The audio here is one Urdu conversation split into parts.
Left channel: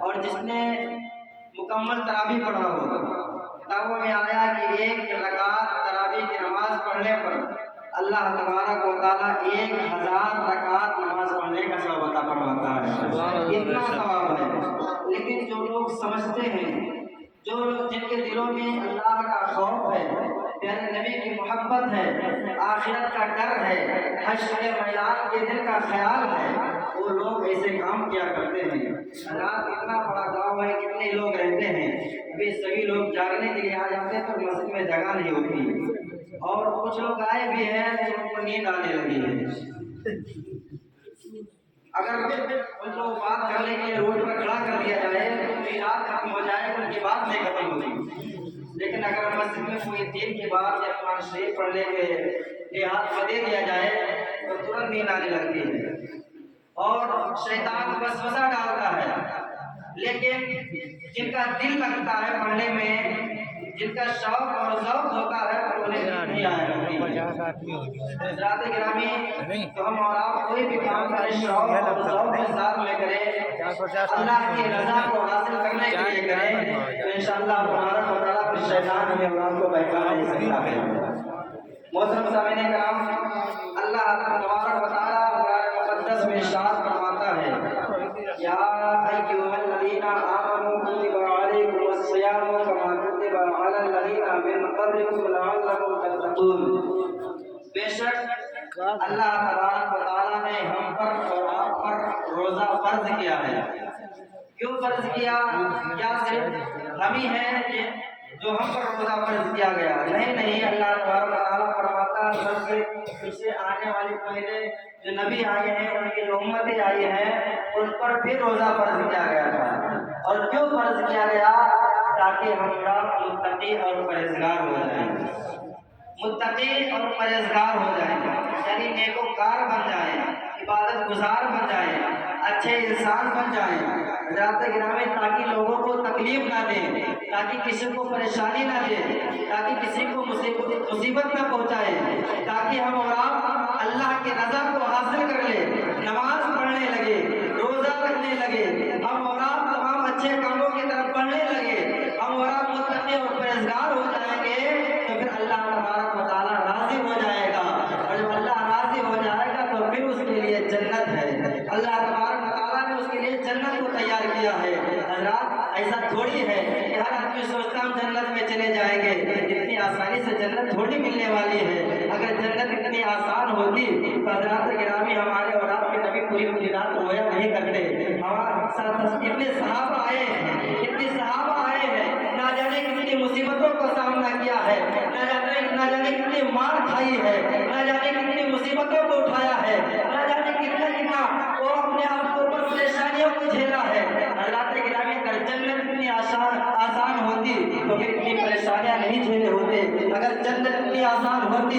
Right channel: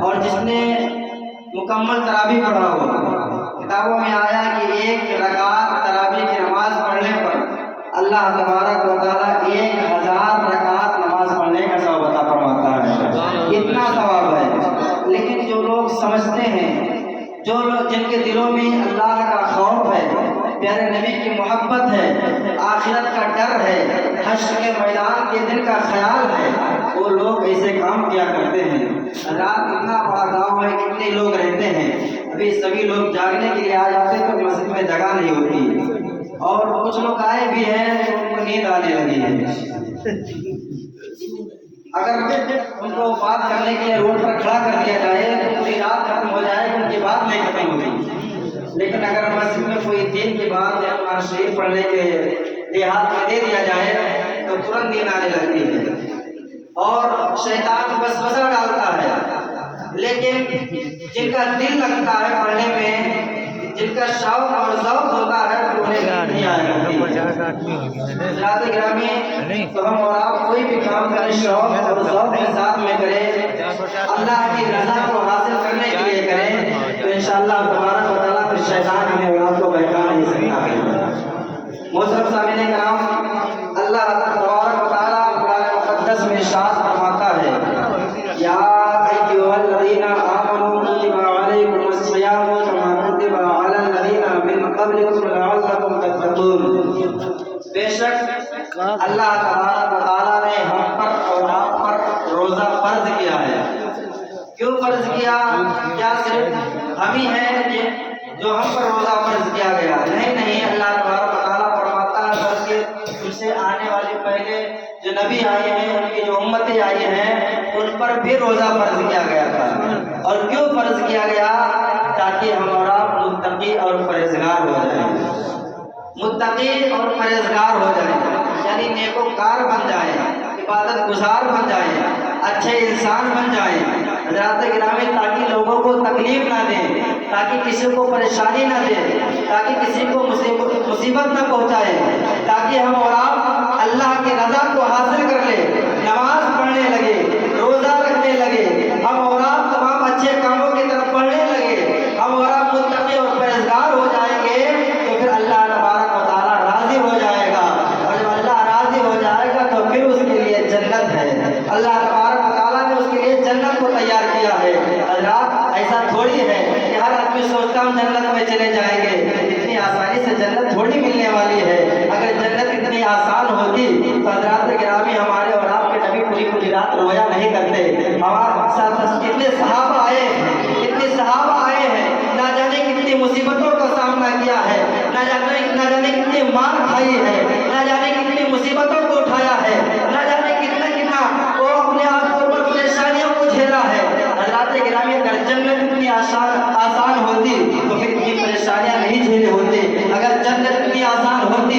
اور جس نے مکمل تراویح پڑھا ہو، کتابوں میں آیا کہ 1 رکعت تراویح کی نماز پڑھنے پر اللہ تبارک و تعالیٰ 1000 رکعت نماز پڑھنے کا ثواب عطا فرماتا ہے۔ اتنا ثواب ہے، لیکن جو لوگ سمجھتے ہیں، جو لوگ جن کے دلوں میں اللہ کا خوف ہے، پیارے نبی کی محبت ہے، آخرت کا ڈر ہے، حشر کے میدان کے دن کا خیال ہے، وہ لوگ ایسے کام کیا کرتے ہیں۔ رات اتنا بڑا گاؤں ہے، کتنے لوگ رہتے ہیں، ابھی سبھی لوگ جاگنے کے لیے آ جاتے تو مسجد میں جگہ نہیں ہوتی، اور کچھ لوگ آئے بھی ہیں تو ان کو نیند آنے لگی ہے۔ اگر ان کو بات کرنے کے لیے روڈ پر کھڑا کر دیا جائے تو پوری رات ختم ہو جائے، ان کی بات نہیں ختم ہوگی، لیکن اگر مسجد میں کوئی دین کی بات یا قرآن شریف پڑھنے کے دیہات میں دے دیا جائے تو ترنت نیند آنے لگتی ہے، اور شیطان وسوسہ ڈالتا ہے۔ لیکن جن کا دل لگتا ہے پڑھنے میں، جن کا شوق اور ذوق ہوتا ہے تو انہیں نیند نہیں آئے گا۔ حضرات گرامی، تو ہم اور آپ کوئی بھی کام کریں شوق اور ذوق کے ساتھ میں کریں، اللہ کی رضا کو حاصل کرنے کے لیے کریں، تو انشاءاللہ تبارک و تعالیٰ پھر شیطان ہمیں اور آپ کو بہکا نہیں سکتا ہے۔ محترم سامعین کرام، اللہ تبارک و تعالیٰ قرآن مقدس میں ارشاد فرماتا ہے، یا ایھا الذین آمنوا کتب علیکم الصیام کما کتب علی الذین من قبلکم لعلکم تتقون۔ بے شک اللہ تبارک و تعالیٰ نے ہم پر اور آپ پر روزہ فرض کیا ہے۔ کیوں فرض کیا؟ کیا صرف ہم ہی ہیں جو ہم پر روزہ فرض کیا گیا؟ نہیں، اللہ تبارک و تعالیٰ فرماتا ہے بلکہ ان سے آنے والے پہلے جو نبی آئے ہیں، ان کی جو امتیں آئی ہیں، ان پر بھی روزہ فرض کیا گیا تھا۔ اور کیوں فرض کیا گیا؟ تاکہ ہم اور آپ متقی اور پرہیزگار ہو جائیں، متقی اور پرہیزگار ہو جائیں، یعنی نیکوکار بن جائیں، عبادت گزار بن جائیں، اچھے انسان بن جائیں۔ حضرات گرامی، تاکہ لوگوں کو تکلیف نہ دیں، تاکہ کسی کو پریشانی نہ دیں، تاکہ کسی کو مصیبت نہ پہنچائے، تاکہ ہم اور آپ اللہ کی رضا کو حاصل کر لیں، نماز پڑھنے لگے، روزہ رکھنے لگے، ہم اور آپ تمام اچھے کاموں کی طرف بڑھنے لگے، ہم اور آپ متقی اور پرہیزگار ہو جائیں گے، تو پھر اللہ تبارک و تعالیٰ راضی ہو جائے گا، اور جب اللہ راضی ہو جائے گا تو پھر اس کے لیے جنت ہے۔ اللہ تبارک و تعالیٰ نے اس کے لیے جنت کو تیار کیا ہے۔ حضرات، ایسا تھوڑی ہے کہ ہر آدمی سوچتا ہم جنت میں چلے جائیں گے، اتنی آسانی سے جنت تھوڑی ملنے والی ہے۔ اگر جنت اتنی آسان ہوتی تو حضرات گرامی ہمارے اور آپ کے نبی پوری رات رویا نہیں کرتے۔ ہمارے ساتھ اتنے صحابہ آئے ہیں، نہ جانے کتنی مصیبتوں کا سامنا کیا ہے، نہ جانے کتنی مار کھائی ہے، نہ جانے کتنی مصیبتوں کو اٹھایا ہے، نہ جانے کتنا وہ اپنے آپ کے اوپر پریشانیوں کو جھیلا ہے۔ حضرات گرامی، اگر جنت اتنی آسان ہوتی تو پھر اتنی پریشانیاں نہیں جھیلے ہوتے۔ اگر جنت اتنی آسان ہوتی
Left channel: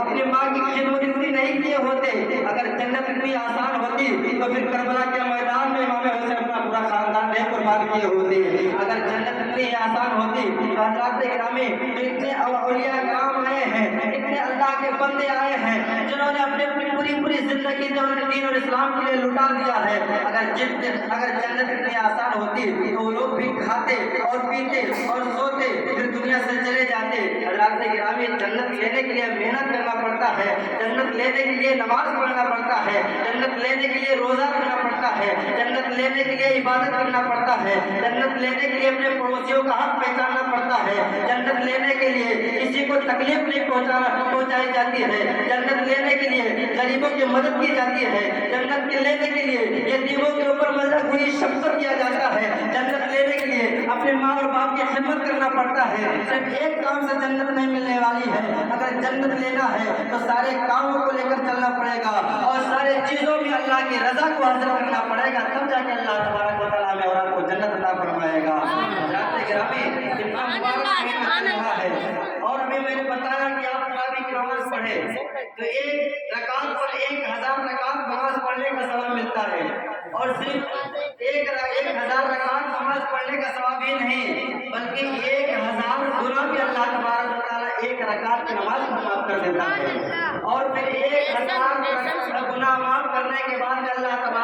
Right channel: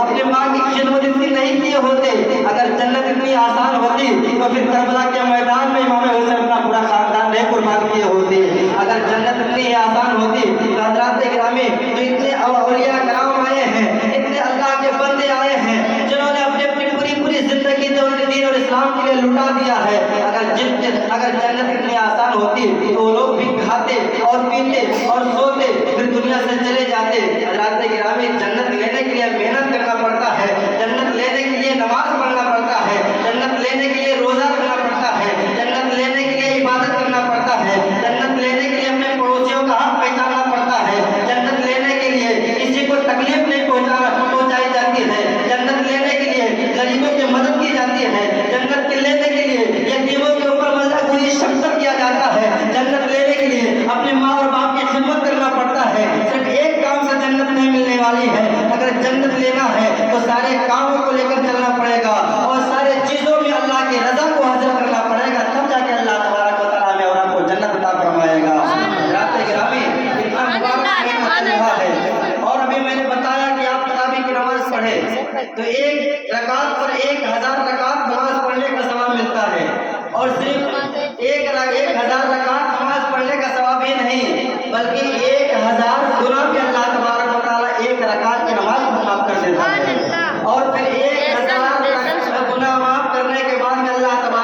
اپنے ماں کی خدمت اتنی نہیں کیے ہوتے۔ اگر جنت اتنی آسان ہوتی تو پھر کربلا کے میدان میں امام حسین اپنا پورا خاندان نہیں قربان کیے ہوتے۔ اگر جنت اتنی آسان ہوتی تو حضرات گرامی، جو اتنے اولیاء کرام آئے ہیں، اتنے اللہ کے بندے آئے ہیں، جنہوں نے اپنی پوری زندگی جو دین اور اسلام کے لیے لٹا دیا ہے، اگر جنت اتنی آسان ہوتی تو وہ لوگ بھی کھاتے اور پیتے اور سوتے، پھر دنیا سے چلے جاتے۔ حضرات گرامی، جنت لینے کے لیے محنت کرنا پڑتا ہے، جنت لینے کے لیے نماز پڑھنا پڑتا ہے، جنت لینے کے لیے روزہ رکھنا پڑتا ہے، جنت لینے کے لیے عبادت کرنا پڑتا ہے، جنت لینے کے لیے اپنے پڑوسیوں کا حق پہچاننا پڑتا ہے، جنت لینے کے لیے کسی کو تکلیف نہیں پہنچائی جاتی ہے، جنت لینے کے لیے غریبوں کی مدد کی جاتی ہے، جنت کے لینے کے لیے یتیموں کے اوپر مزید شفقت کیا جاتا ہے، جنت لینے کے لیے اپنے ماں اور باپ کی خدمت کرنا پڑتا ہے۔ صرف ایک کام سے جنت نہیں ملنے والی ہے، اگر جنت لینا ہے تو سارے کاموں کو لے کر چلنا پڑے گا، اور سارے چیزوں میں اللہ کی رضا کو حاصل کرنا پڑے گا، تب جا کے اللہ تبارک و تعالیٰ ہمیں اور آپ کو جنت عطا فرمائے گا۔ حضرات گرامی، اتنا مبارک مہینہ چل رہا ہے، اور ابھی میں نے بتایا کہ آپ تراویح کی نماز پڑھیں تو 1 رکعت پر 1000 رکعت نماز پڑھنے کا ثواب ملتا ہے، اور صرف 1000 رکعت نماز پڑھنے کا ثواب ہی نہیں، بلکہ 1000 گناہ بھی اللہ تبارک و تعالیٰ 1 رکعت کی نماز کو معاف کر دیتا ہے، اور پھر 1000 گناہ معاف کرنے کے بعد میں اللہ تبارک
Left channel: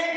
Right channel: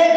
1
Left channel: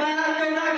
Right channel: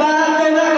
12-14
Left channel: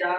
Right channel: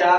4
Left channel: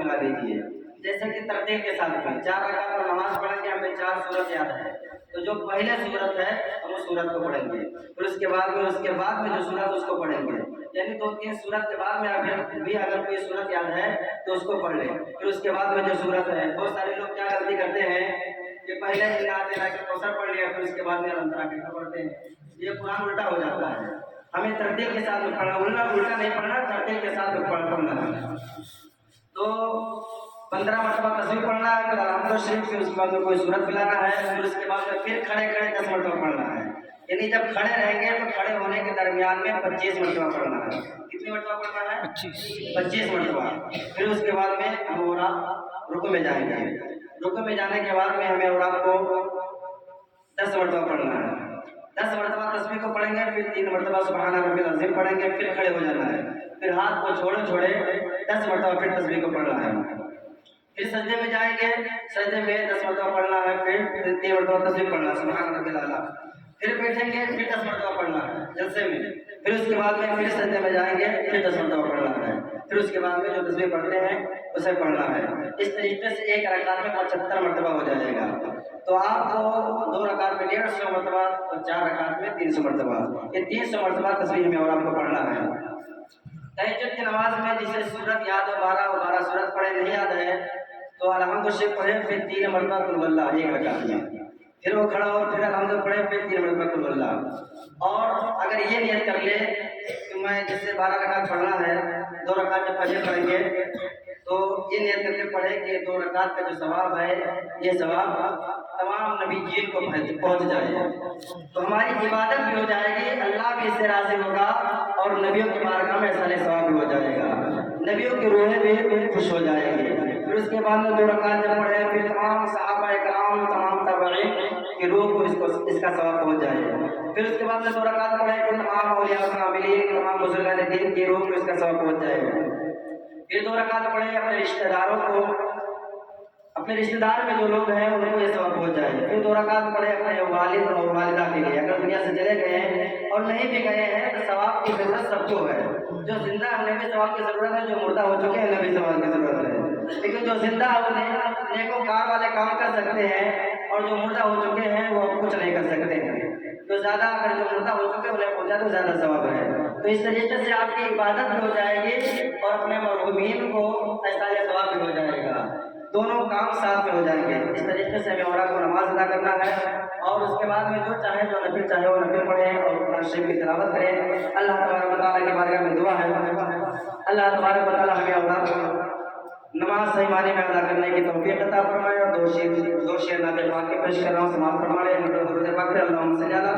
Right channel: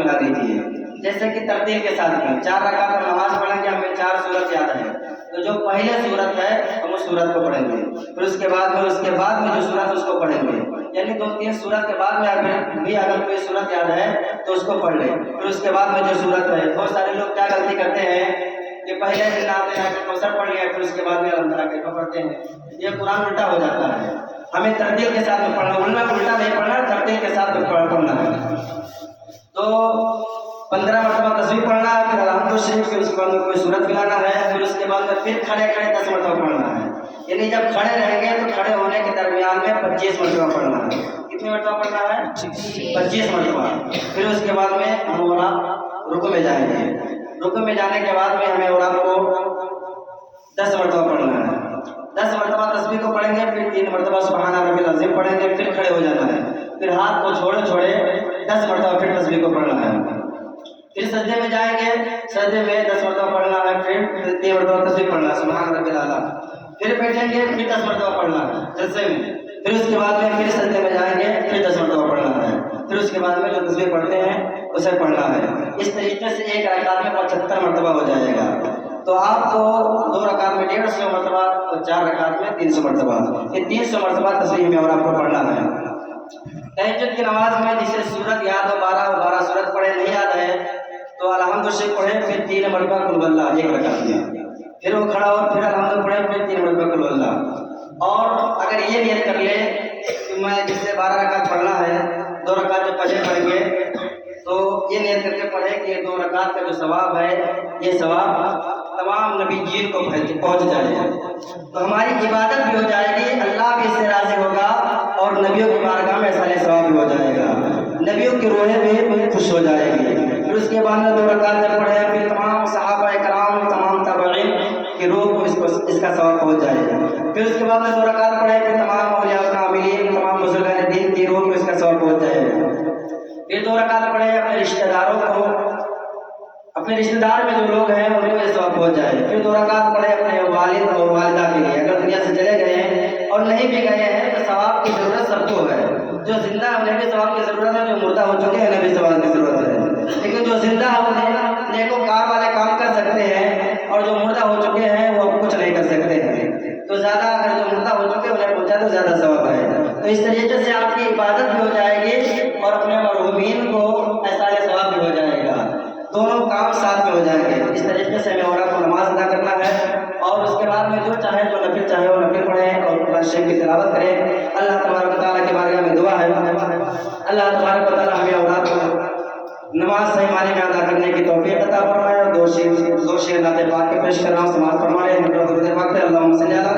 ملا دیجیے، جیسے کہ ترتیل کے ساتھ میں 4 رکعت ہم نماز پڑھیں گے، ہمیں 4 سورت یاد ہے، تو جو پہلے سورت ہے ہم اس سورت کو پڑھیں گے، پھر اس کے بعد میں جو سورت اس کو پڑھیں گے، یعنی 2-3 سورت کے بعد میں بھی اگر کوئی سورت یاد ہے تو اس کو پڑھ لیں، پھر اس کے بعد میں جو سورت ہے، بہت سارے لوگ کیا غلطی کرتے ہیں کہ پہلے کوثر پڑھ لیا پھر اس کے بعد میں الحمدللہ پڑھتے ہیں، یہ قرآن الٹا ہو جاتا ہے، ہمیں ترتیل کے ساتھ میں پڑھنا، الٹا نہیں پڑھنا، ترتیل کے ساتھ میں پڑھنا ہے۔ تو 15 مرتبہ تسبیح پڑھنا ہے، پھر الحمد شریف، پھر اس کے بعد میں کوئی سورت ملانا ہے، پھر اس کے بعد میں پھر کھڑے 10 مرتبہ پڑھنا ہے، یعنی جب کھڑے رہیں گے تو کھڑے ہونے کے درمیان میں 25 مرتبہ پڑھنا ہے۔ کتنی مرتبہ پڑھنا ہے؟ 25 مرتبہ۔ پھر اس کے بعد میں ہم اور آپ رکوع میں جائیں گے، رکوع میں جانے کے بعد میں ہمیں اور آپ کو 10 مرتبہ پڑھنا ہے، 10 مرتبہ تسبیح کو پڑھیں گے، پھر 3 مرتبہ سبحان ربی العظیم پڑھیں گے، پھر کھڑے ہو جانا ہے، پھر ہاتھ کو چھوڑے 10 مرتبہ پھر تسبیح کو پڑھنا ہے، پھر سجدے میں جائیں گے، سجدے میں 10 مرتبہ پڑھنا ہے، پھر 3 مرتبہ تسبیح پڑھنا ہے سبحان ربی الاعلیٰ، پھر بیٹھیں گے، پھر 10 مرتبہ پڑھنا ہے جلسے میں، پھر اس کے بعد میں پھر سجدے میں جائیں گے، پھر 10 مرتبہ پڑھنا ہے، پھر اس کے بعد میں جو تسبیح پڑھتے ہیں اسے پڑھنا ہے۔ اس طریقے سے ایک رکعت میں 75 مرتبہ ہو جائے گا، تو آپ کو 2 رکعت میں 150 مرتبہ اور 4 رکعت میں 300 مرتبہ، یہ 300 مرتبہ تسبیح میں اور آپ کو پڑھنا ہے۔ تہجد کی نماز میں جسے سورت یاد ہو 12 سورت پڑھے نہیں یاد ہے تو الحمد شریف پڑھے، پھر 3 مرتبہ قل هو اللہ ایک رکعت میں، پھر وہ کھڑا ہو، پھر الحمد پڑھے، پھر 3 مرتبہ قل هو اللہ۔ اور اگر یہ نیت کر لے کہ میں جسے 12 رکعت پڑھنا ہے، 2 رکعت جب فجر پڑھیں گے تو یہ نیت کر کے پڑھے کہ 2 رکعت کا جو ثواب ہے یہ ثواب تمام نبی جین کو پہنچ جائے گا، تو ہماری عبادت بھی ہو جائے گی، اللہ بھی اس سے راضی ہوگا، اور نبیوں کی بارگاہ میں احسان ثواب بھی ہو جائے گا، نبیوں کی روحیں بھی خوش ہو جائے گی۔ پھر اس کے بعد میں 2 رکعت جب پڑھے، پھر تمام صحابہ کرام، تمام تابعین کی روح کو اس کا ثواب پہنچ جائے گا۔ پھر اس کے بعد میں 2 رکعت پڑھے، پھر تمام اولیاء و عاملین، تمام بزرگان دین کی روح کو اس کا ثواب پہنچ جائے گا۔ پھر 2 رکعت پڑھے، اپنے رشتہ داروں کو، اپنے رشتہ دار میں جو لوگ ہیں انہیں یہ ثواب پہنچ جائے۔ پھر 2 رکعت پڑھے اپنے والد اور والدہ کے لیے، اگر دنیا سے چلے گئے ہیں اور نہیں بھی گئے ہیں تو ثواب کی ضرورت سب کو ہے، جو زندہ ہے انہیں بھی ثواب کی ضرورت ہے، جو مردہ ہو چکے ہیں انہیں بھی ثواب کی ضرورت ہے، لیکن جو زندہ ہے انہیں نیکوکار والے کام کر سکتے ہیں، اور جو مردہ ہو چکے ہیں وہ کچھ نہیں کر سکتے ہیں، تو زیادہ اگر جو مردہ ہو چکے ہیں انہیں پہنچا تو زیادہ ثواب ہے۔ تو اس طریقے سے آپ کی عبادت بھی ہو جائے گی اور اپنے مرحومین کو احسان ثواب بھی ہو جائے گا، دونوں کام ساتھ میں ہو جائیں گے۔ اس طریقے سے ہمیں اور آپ کو نماز ادا کرنا ہے، اور اس کے بعد میں جو چاہے جو نفل چاہے وہ نفل پڑھیں اور قرآن شریف کی تلاوت کریں۔ اللہ تبارک و تعالیٰ کی بارگاہ میں دعا ہے، اللہ تبارک و تعالیٰ ہمیں اور آپ کو نماز صحیح معنی میں ادا کرنے کی توفیق عطا فرمائے، اور 2 شعر نعت پاک کے پیش کر رہا ہوں، سماعت فرمائیں۔ اللہم صلی علی